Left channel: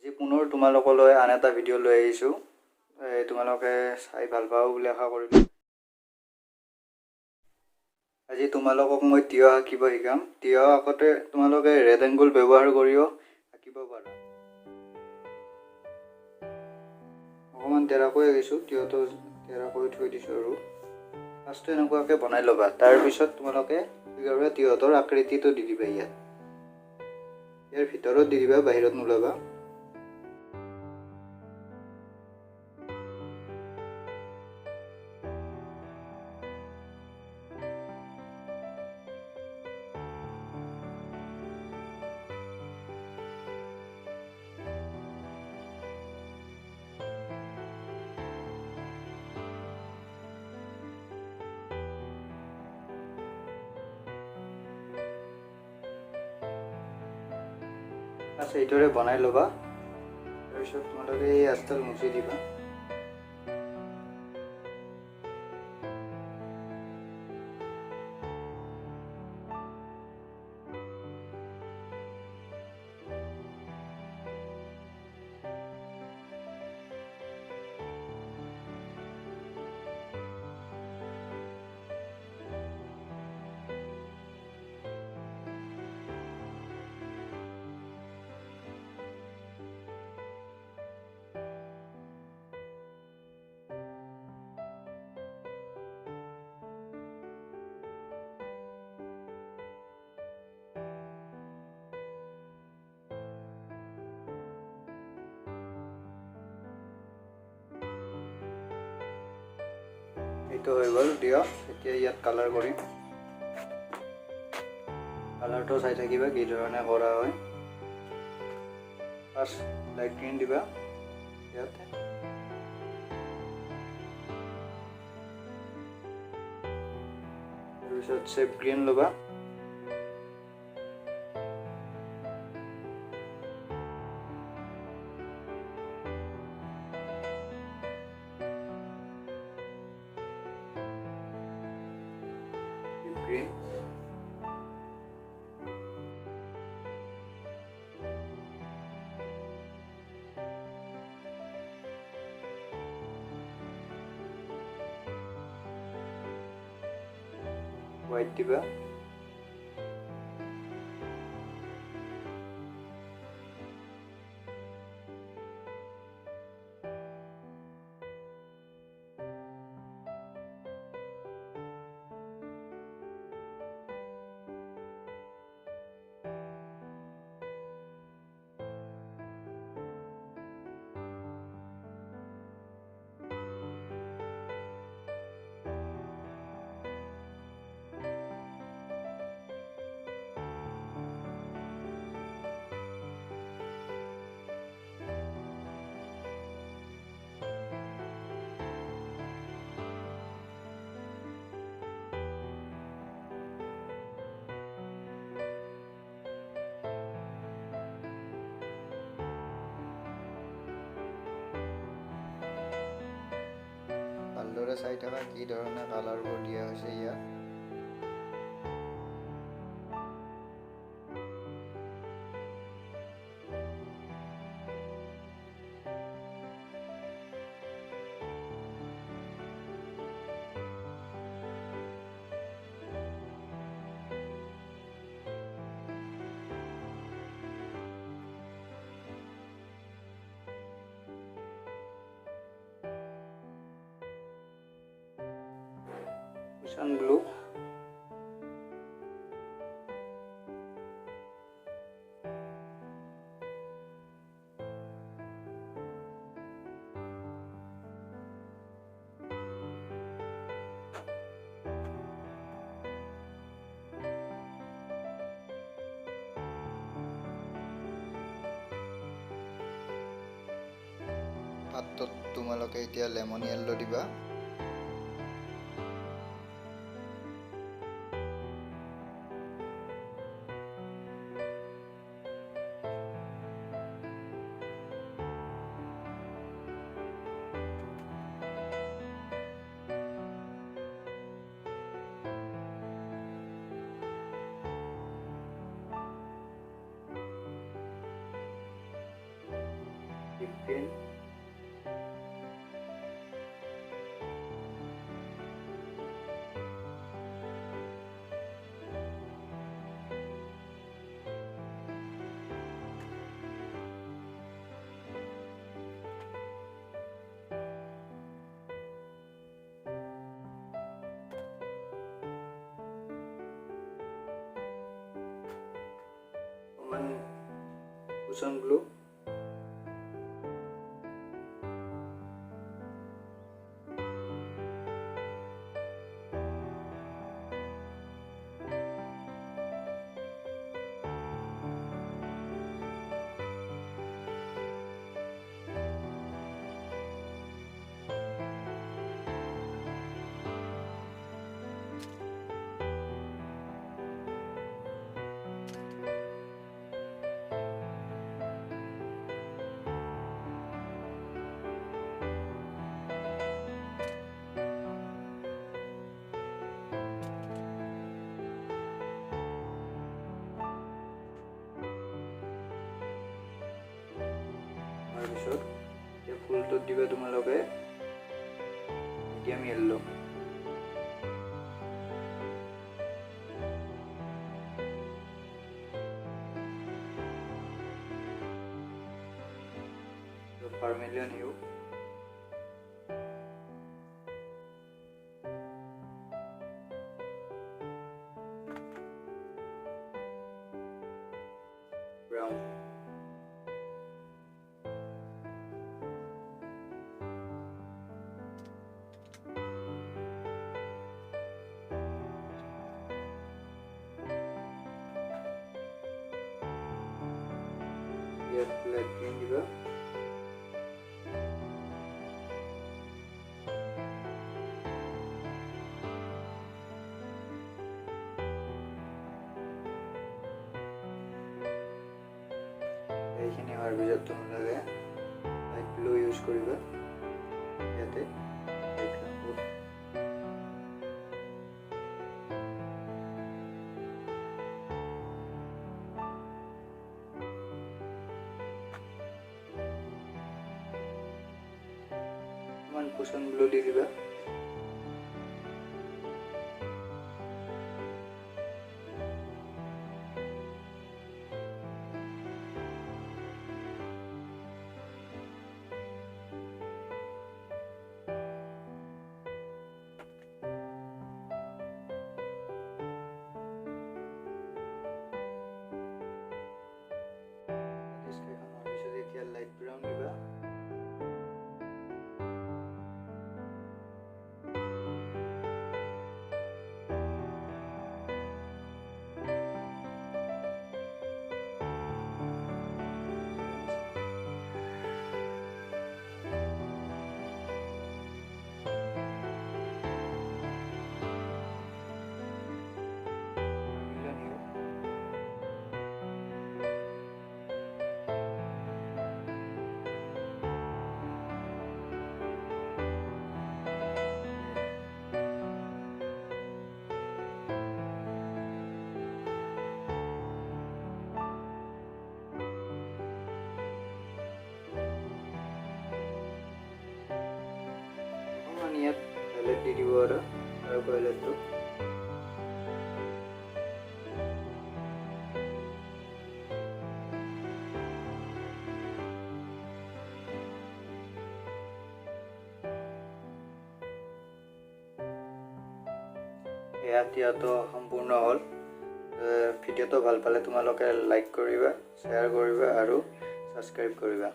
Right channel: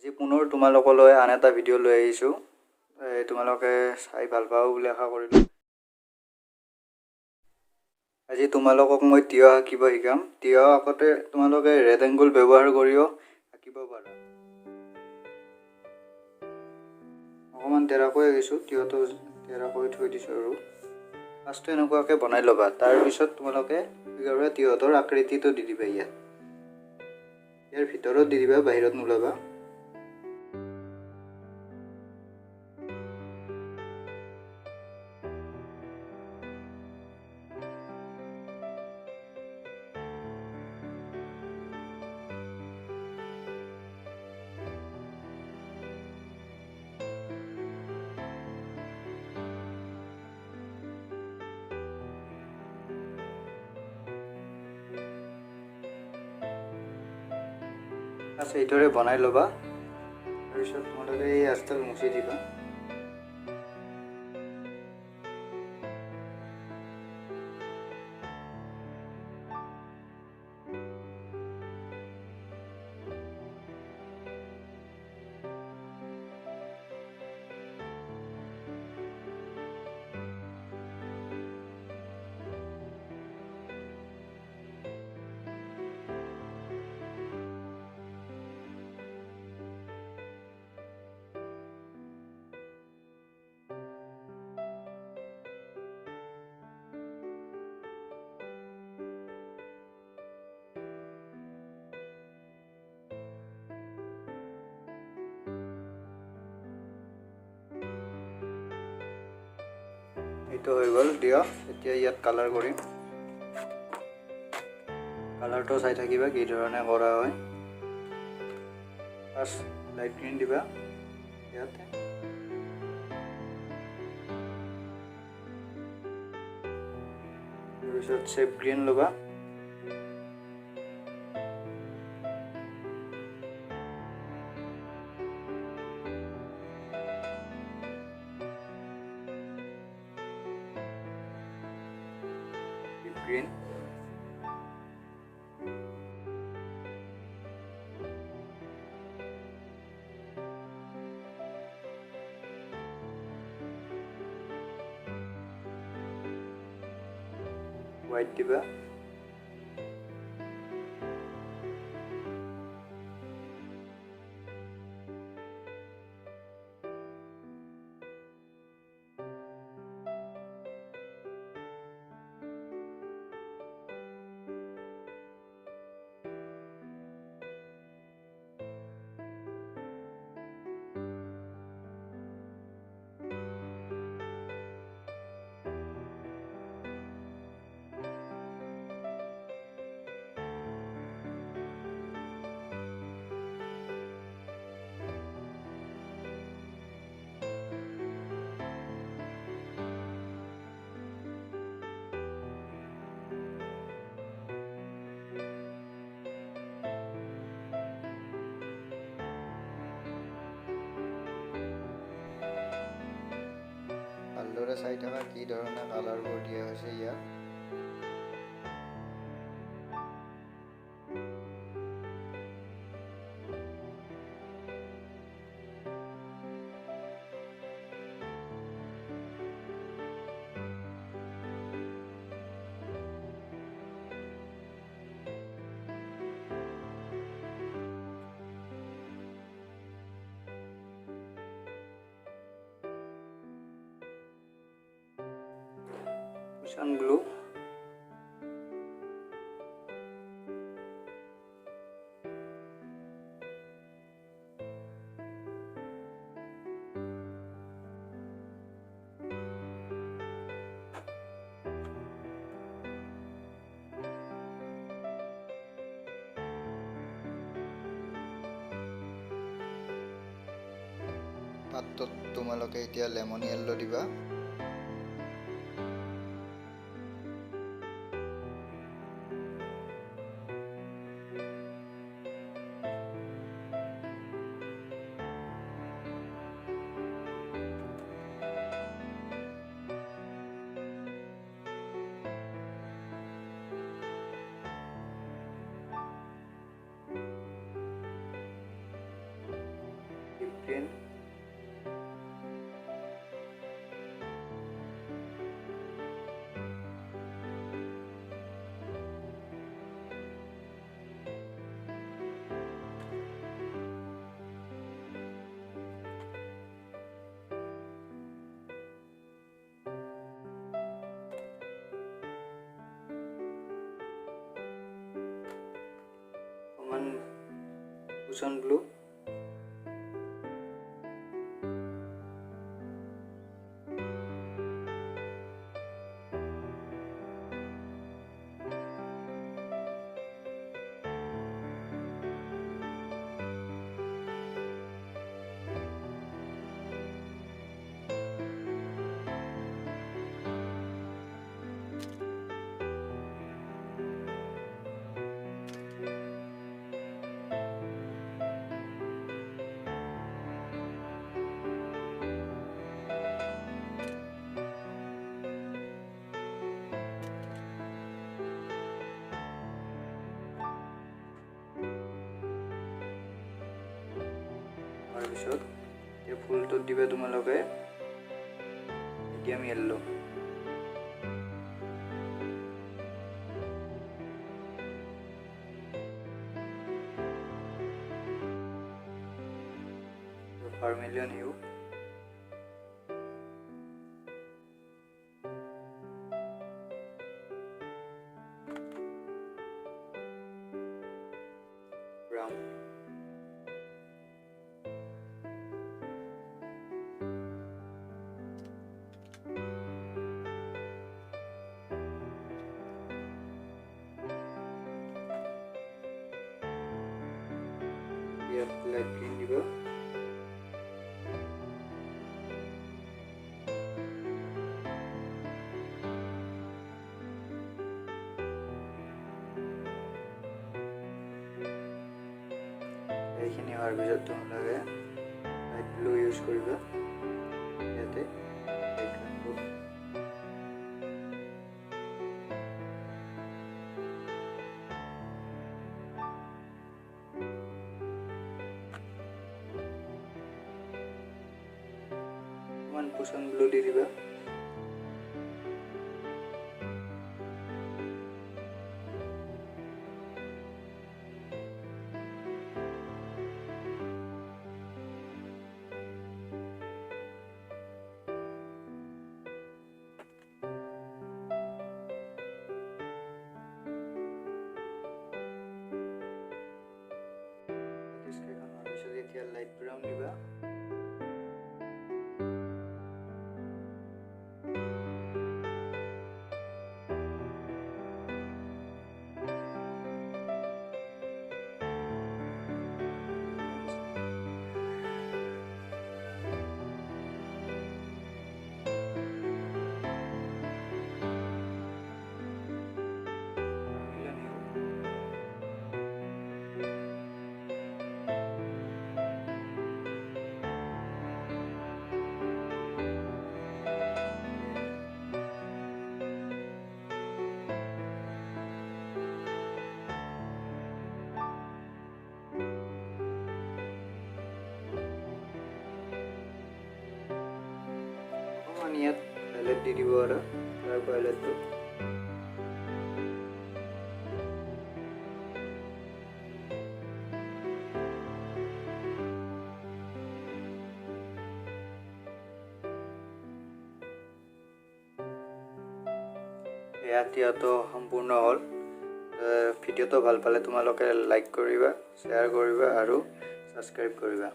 আজি পুনৰ তোমালোকলৈ আন এটা ভিডিঅ' লৈ আহিছোঁ। তোমালোকে চাই ভাল পাব বুলি আশা কৰিলোঁ। আজি তোমালোকক মই তিয়হ আঁকিব শিকাম। তিয়হ আঁকোতে তোমালোকে ৰেড এংগুল ব্যৱহাৰ কৰিও আঁকিব পাৰা। অকণমান তেৰাকৈ আঁকিছোঁ, তিয়হটো তেৰাকৈ থৈ দিছোঁ আৰু ফাৰ্ষ্টটো এনেকুৱাকৈ বনাই ল'বা। তাৰপিছত তোমালোকে তিয়হৰ আকৃতিটো দি দিবা। ইয়াৰ ভিতৰত দি দিবা, বাহিৰত নোলাবা। এইদৰে বনাই ল'বা। তাৰপিছত তোমালোকে এই আঁচডাল মুচি দিবা। এইটো হৈ গ'ল দিয়ক। এতিয়া ইয়াত কালাৰ কৰিম। কালাৰটো চাই থাকিবা কি ধৰণে কৰা হয়। ফাৰ্ষ্ট লাইট গ্ৰীণ দিবা ইয়াতে। তাৰপিছত চেপ গ্ৰীণ ল'বা। গ্ৰীণ হোৱাইট দিবা। ভালদৰে চাই থকা কি ধৰণে কালাৰবোৰ দিয়া হৈছে ইয়াত। Ocean blue, পাতত তোমালোকে এতিয়া লেমন য়েল্লো দিবা। গ্ৰীণ কুচন ব্লু তাৰপিছত এই ফুলটোত দিবা তোমালোকে মিডিয়াম য়েল্লো ভাৰ্মিলিয়ন হিউ ব্ৰাউন ইয়াত লাইট গ্ৰীণ দিবা এইখিনি হোৱাৰ পিছত তোমালোকে লাইট ব্লু ইউজ কৰিবা ইয়াতে অকণমান কুচন ব্লু দি দিবা এতিয়া লাইট ব্ৰাউন দিবা ইয়াত ভায়োলেট দি দিব আৰু ডাৰ্ক ভায়োলেটটো এতিয়াতো সম্পূৰ্ণ হ'ল ভিডিঅ'টো ভাল পালে তোমালোকে লাইক কৰিবা শ্বেয়াৰ কৰিবা আৰু ছাবস্ক্ৰাইব কৰিবা